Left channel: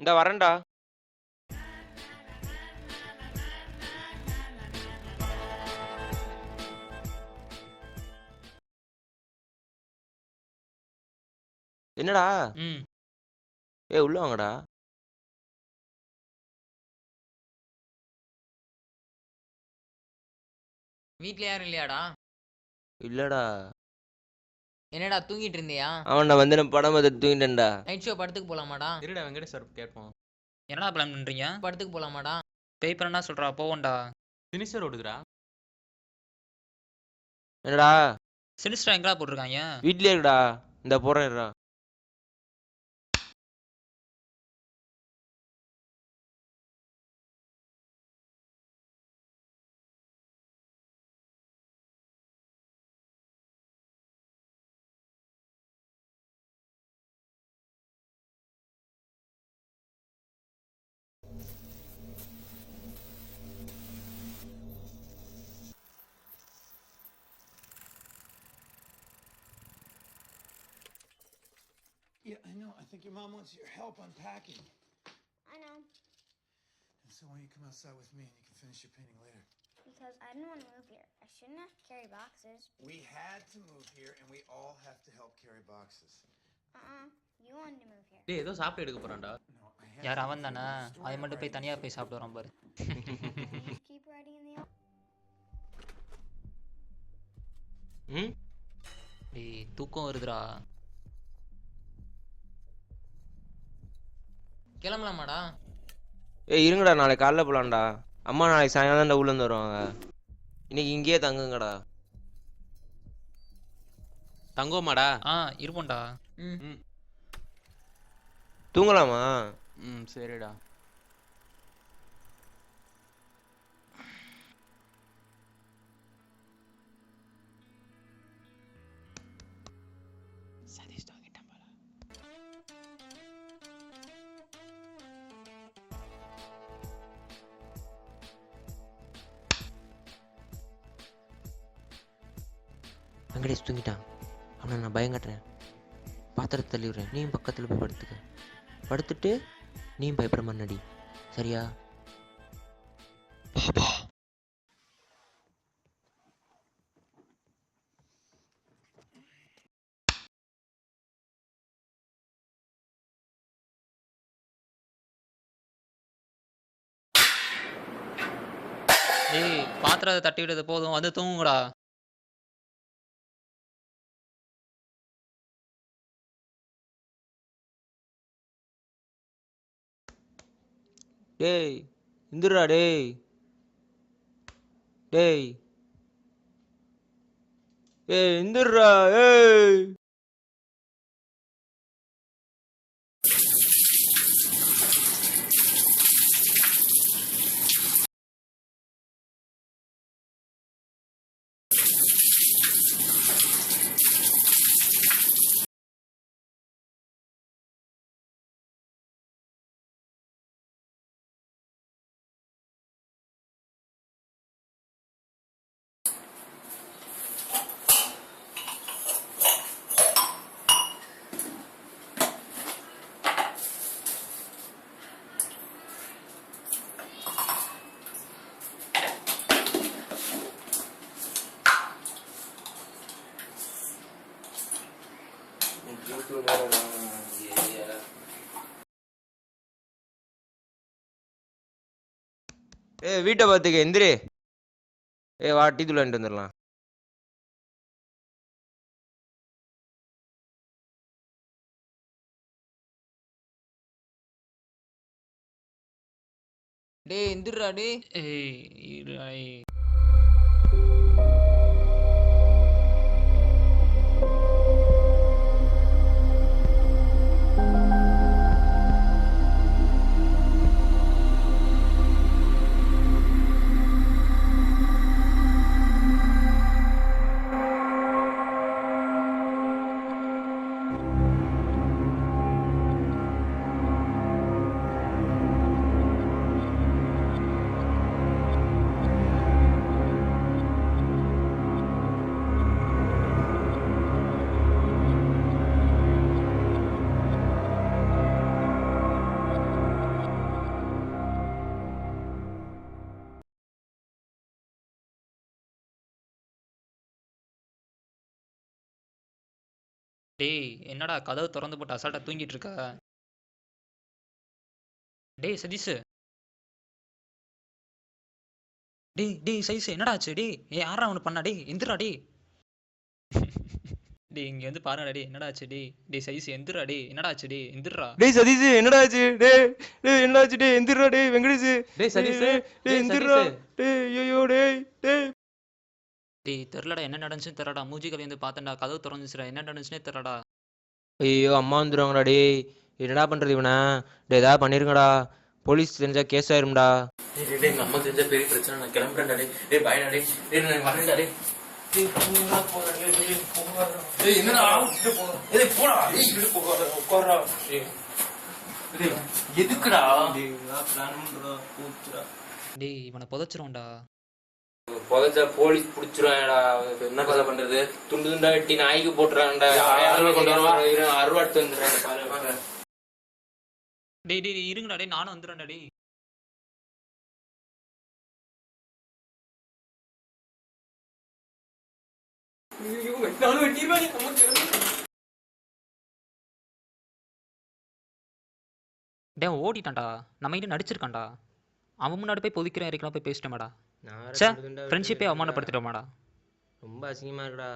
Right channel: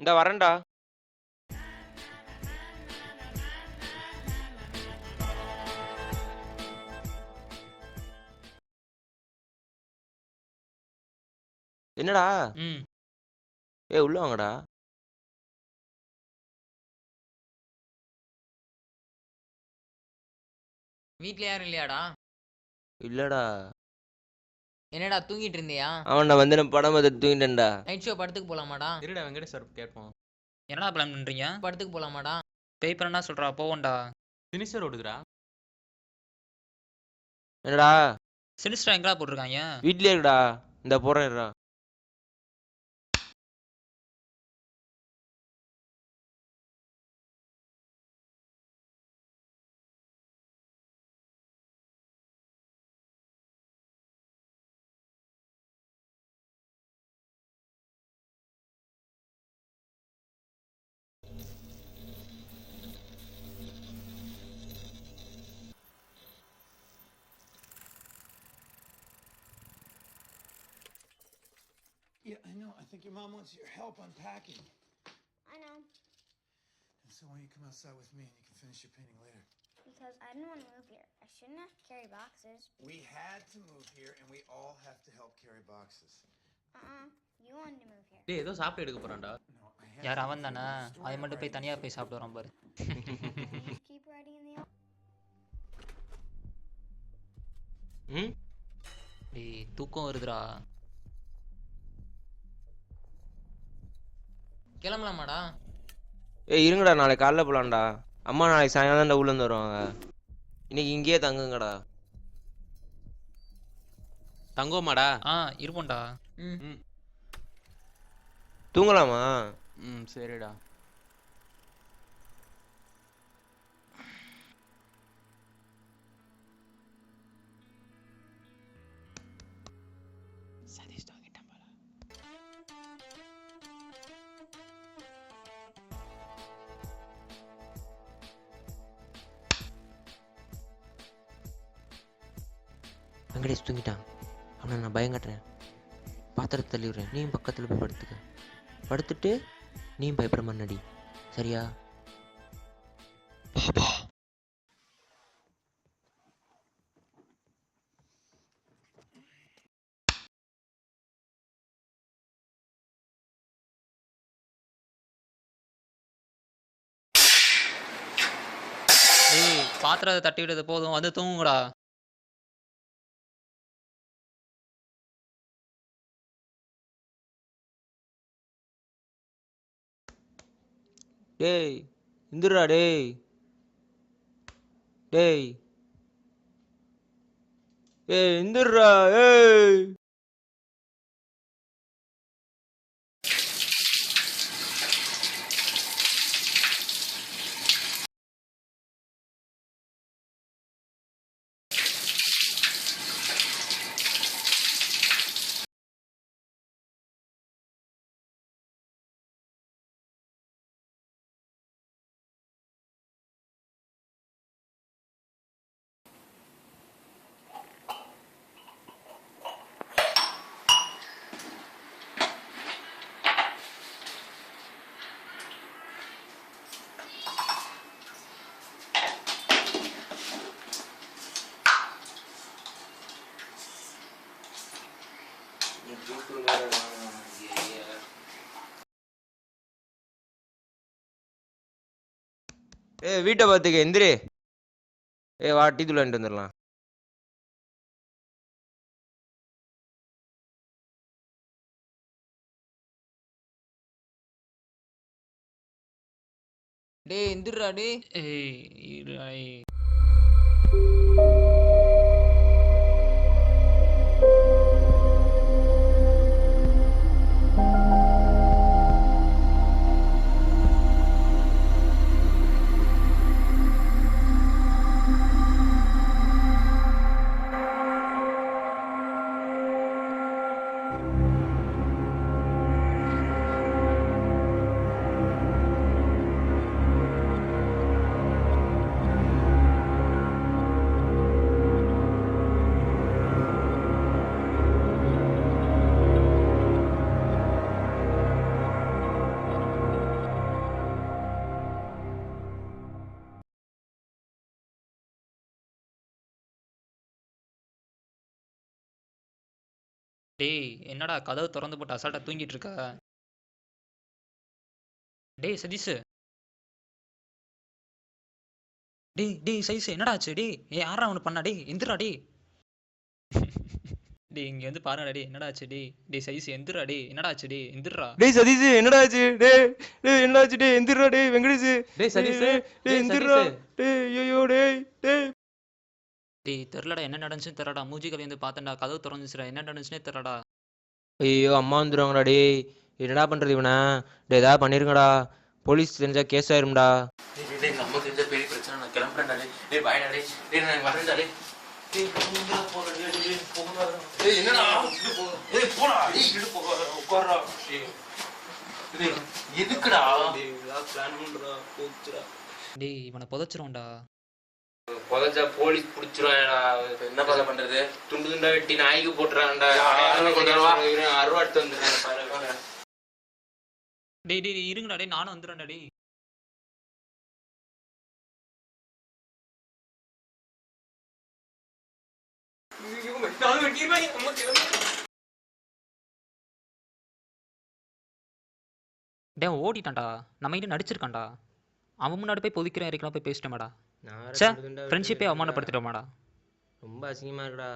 இந்த வரேன்டா. என்னடா? ஏய் உள்ள வாங்கடா. வீட்ல யாரும் இல்லையாடா? இல்லடா. என்னடா தூங்கிட்டு இருந்தியா? அவன்டா வந்து நான் படம் பார்த்து தூங்கிட்டேன்டா. நைட் ஷோ படத்துக்கு போலாமாடா? இருடா வெங்கடேஷ் சார் கேட்போம். என்னடா பிளான் பண்றீங்க? படத்துக்கு போலாமாடா? பேப்பர் என்ன சொல்றா? போவோம்டா. சினிஸ்டர் ஓடுதுடா. என்னடா? சினிஸ்டர் எங்கடா போட்டிருக்காங்க? வீட்லயே இருக்குடா இந்த போறேன்டா Yeah, I know. I think your mom wants your help unpacking. I know, And so why don't you come outside with me and you can finish your painting later? because I didn't want to move here. I shouldn't have to carry boxes. We had to move here and we all have to help carry boxes. Uh-uh. You wanted to move here. டேய் ஏதோ சாப்பிட்டு எடுக்க போறான்டா No, I have யார் to அவன் move தானே here to store அவன் மட்டும் போய் everything. தனியா போய் சாப்பிட்டு வரான் பாரு Keep writing in the office. ம் டேய் தூக்கம் வருதுடா கிளம்பலாமாடா? ஏய் இருங்கடா நாளைக்கு காலைல போலாம்டா. அம்மா நாளைக்கு சாயங்காலம் தான் ஊர்ல இருந்து வருவாங்க. இன்னைக்கு இங்கேயே தங்குங்கடா. தங்கோமாடா ஆ இருப்போம்டா. ம். ம். தூங்கலாமா? ம் சரிடா. சதீஷ் வெங்கடேஷ் தூங்கிட்டான். அவனை நான் பயங்கட்டுறேன் பாத்திரத்தை தள்ளிடுறேன் நீயும் பக்கத்தில் போய் படுத்துக்க. படுத்துட்டு நீயும் பயப்படுற மண்ணடி சரியா? டேய் பாத்திரத்தை தட்டி விடுறது போதும். வந்து தூங்குடா டேய் இந்துடா டேய். டேய். ஏய் இந்துடுறா ஏய். ஏய் வீட்டை பார்த்துக்க எந்திரி. ஏய் வா டீ தூள் வாங்கிட்டு வந்துடலாம். டேய் எந்திரா டேய். ஏய். டேய் என்னடா கதவு திறந்து போட்டு அசால்ட்டா தூங்கிட்டு இருக்க டேய் சதீஷ். டேய் டேய் சதீஷ் என்னடா ஆச்சு? டேய் ஏ யாரா அவனு பண்ணா? டேய் எந்திரா டேய். டேய் இங்க வந்து பாருடா டேய் என்னடா ஆச்சு? டேய் டேய் சதீஷ் எந்திரா டேய் என்னடா ஆச்சு? டேய் எந்திரா. டேய் சதீஷ் என்னடா ஆச்சு? டேய் டேய் என்னடா ஆச்சு? டேய் எந்திரா டேய் வெங்கடேஷ். டேய் சதீஷ் டேய் எந்திரா. டேய் ஐயோ டேய் டேய். டேய் தெரிலடா என்ன நடந்துச்சுன்னு தெரியலடா மூஞ்சி கவி வந்து பார்த்தேன்டா கதவு திறந்துச்சுடா. என்ன நடந்துச்சுனே தெரியலடா ஐயோ அம்மா வந்துருவாங்கடா டேய். என்னடா பண்றது இவனை? டேய் ஏதாவது பண்ணிருங்கடா. போலீஸ் தெரிஞ்சா கேஸ் ஆயிரும்டா. அம்மா தெரிஞ்சா பெரிய பிரச்சனை. நான் கிளம்புறேன்டா டேய். டேய் நான் வரேன்டா எதுக்குடா? இவனை புதைச்சிருவோம்டா. புதைச்சா போலீஸ் புடிச்சிருவாங்கடா. என்ன கதை பண்றது? துண்டு துண்டா வெட்டி நாய்க்கு போட்டுறாங்கடா. அறுவாட்டு வந்துடுறாங்க டேய் டேய் டேய், இருங்கடா டேய் நானும் வந்துடுறேன்டா டேய். டேய் அவன் ஓடிட்டான்டா. நம்ம கிட்ட நடிச்சிருக்கான்டா. அவன் முன்னாடி போய் பொதிக்கிறேன் இருக்கலாம் போய் பேசிட்டோமாடா ஃப்ரெண்ட்ஷிப்பே. அவமானப்படுத்திட்டோமாடா ரொம்ப அசிங்கமா இருக்குடா